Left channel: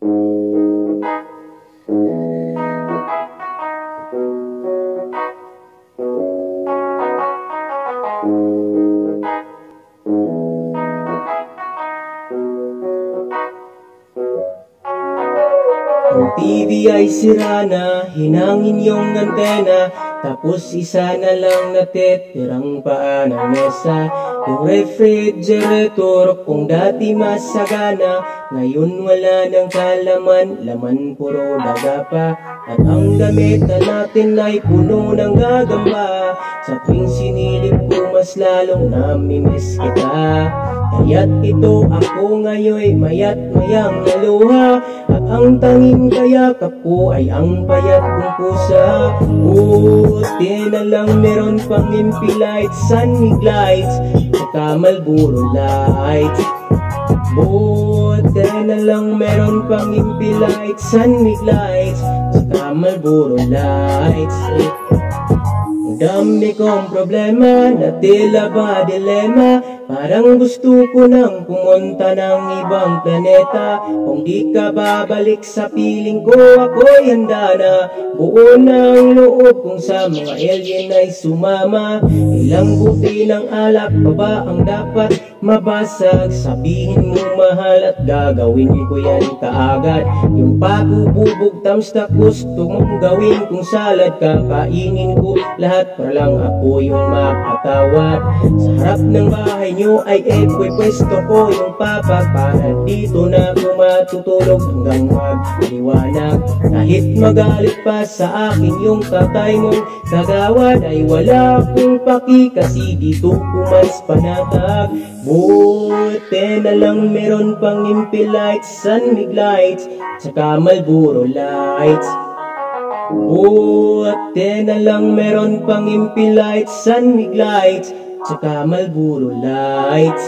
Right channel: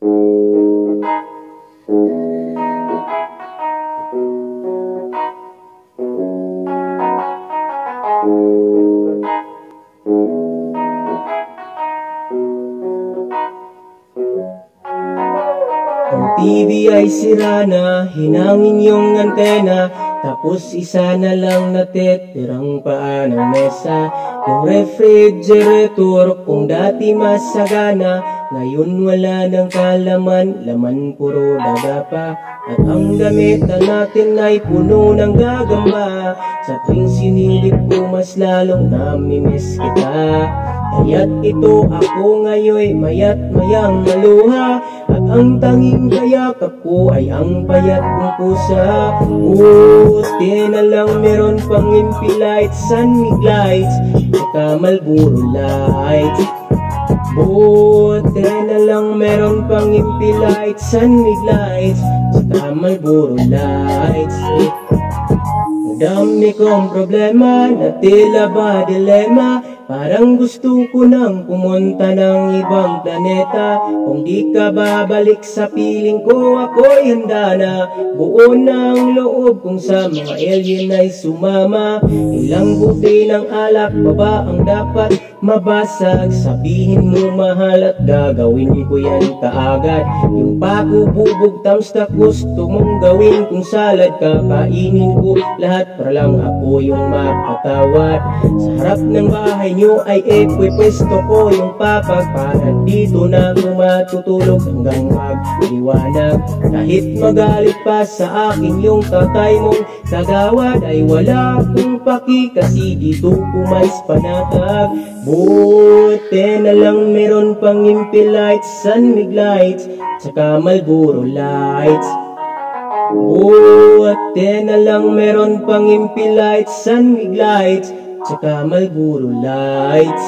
Ang TV ay sira na, hinangin yung antena, tapos isa na lang natitirang paa ng mesa. Yung refrigerator kung dati masagana, ngayon wala ng kalaman, laman puro daga pa. At ang damitan natin ay puno ng gagamba, sa tuwing sinilip ko mas lalong namimiss kita. Kaya't ito ako ngayon mayat mayang naluha, at ang tanging kayakap ko ay ang payat kong pusa. Buti na lang meron pang MP lights, sunmig lights, saka Marlboro lights. Buti na lang meron pang MP lights, sunmig lights, saka Marlboro lights. Dami kong problema na tila ba dilema, parang gusto ko nang pumunta ng ibang planeta. Kung di ka babalik sa piling ko, ako'y handa na. Buo ng loob kung sa mga alien ay sumama. Ilang buti ng alak pa ba ang dapat mabasag? Sabihin mo mahal at gagawin ko yan kaagad. Yung pagububog tamsta gusto mong gawin, kung salad kakainin ko lahat para lang ako yung mapatawad. Sa harap ng bahay nyo ay pwesto ko yung papag, para dito na ako matutulog hanggang magliwanag. Kahit magalit pa sa akin yung tatay mong kagawad, ay wala akong paki kasi dito kumalis panatag. Buti na lang meron pang MP lights, sunmig lights, saka Marlboro lights. Buti na lang meron pang MP lights, sunmig lights, saka Marlboro lights.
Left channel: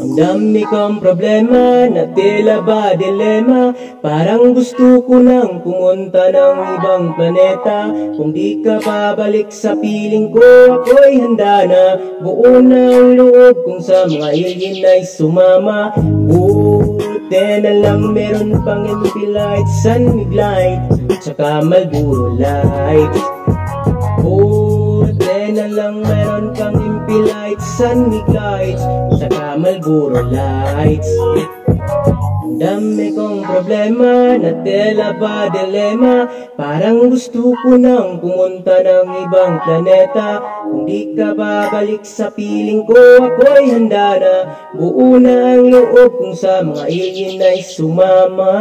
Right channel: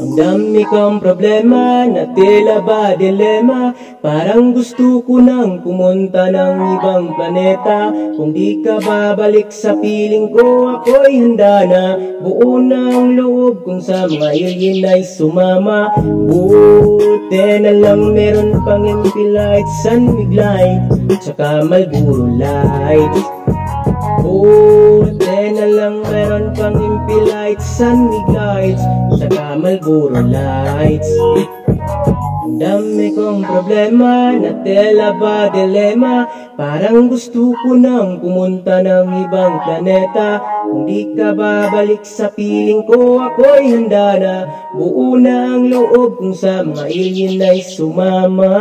Ang dami kong problema na tila ba dilema, parang gusto ko nang pumunta ng ibang planeta. Kung di ka babalik sa piling ko, ako'y handa na. Buo ng loob kung sa mga alien ay sumama. Buti na lang meron pang MP lights, sunmig light, saka Marlboro lights. Buti na lang meron pang MP lights, sunmig lights, saka Marlboro lights. Ang dami kong problema na tela ba dilema, parang gusto ko nang pumunta ng ibang planeta. Kung di ka babalik sa piling ko, ako'y handa na. Buo na ang loob kung sa mga alien ay sumama.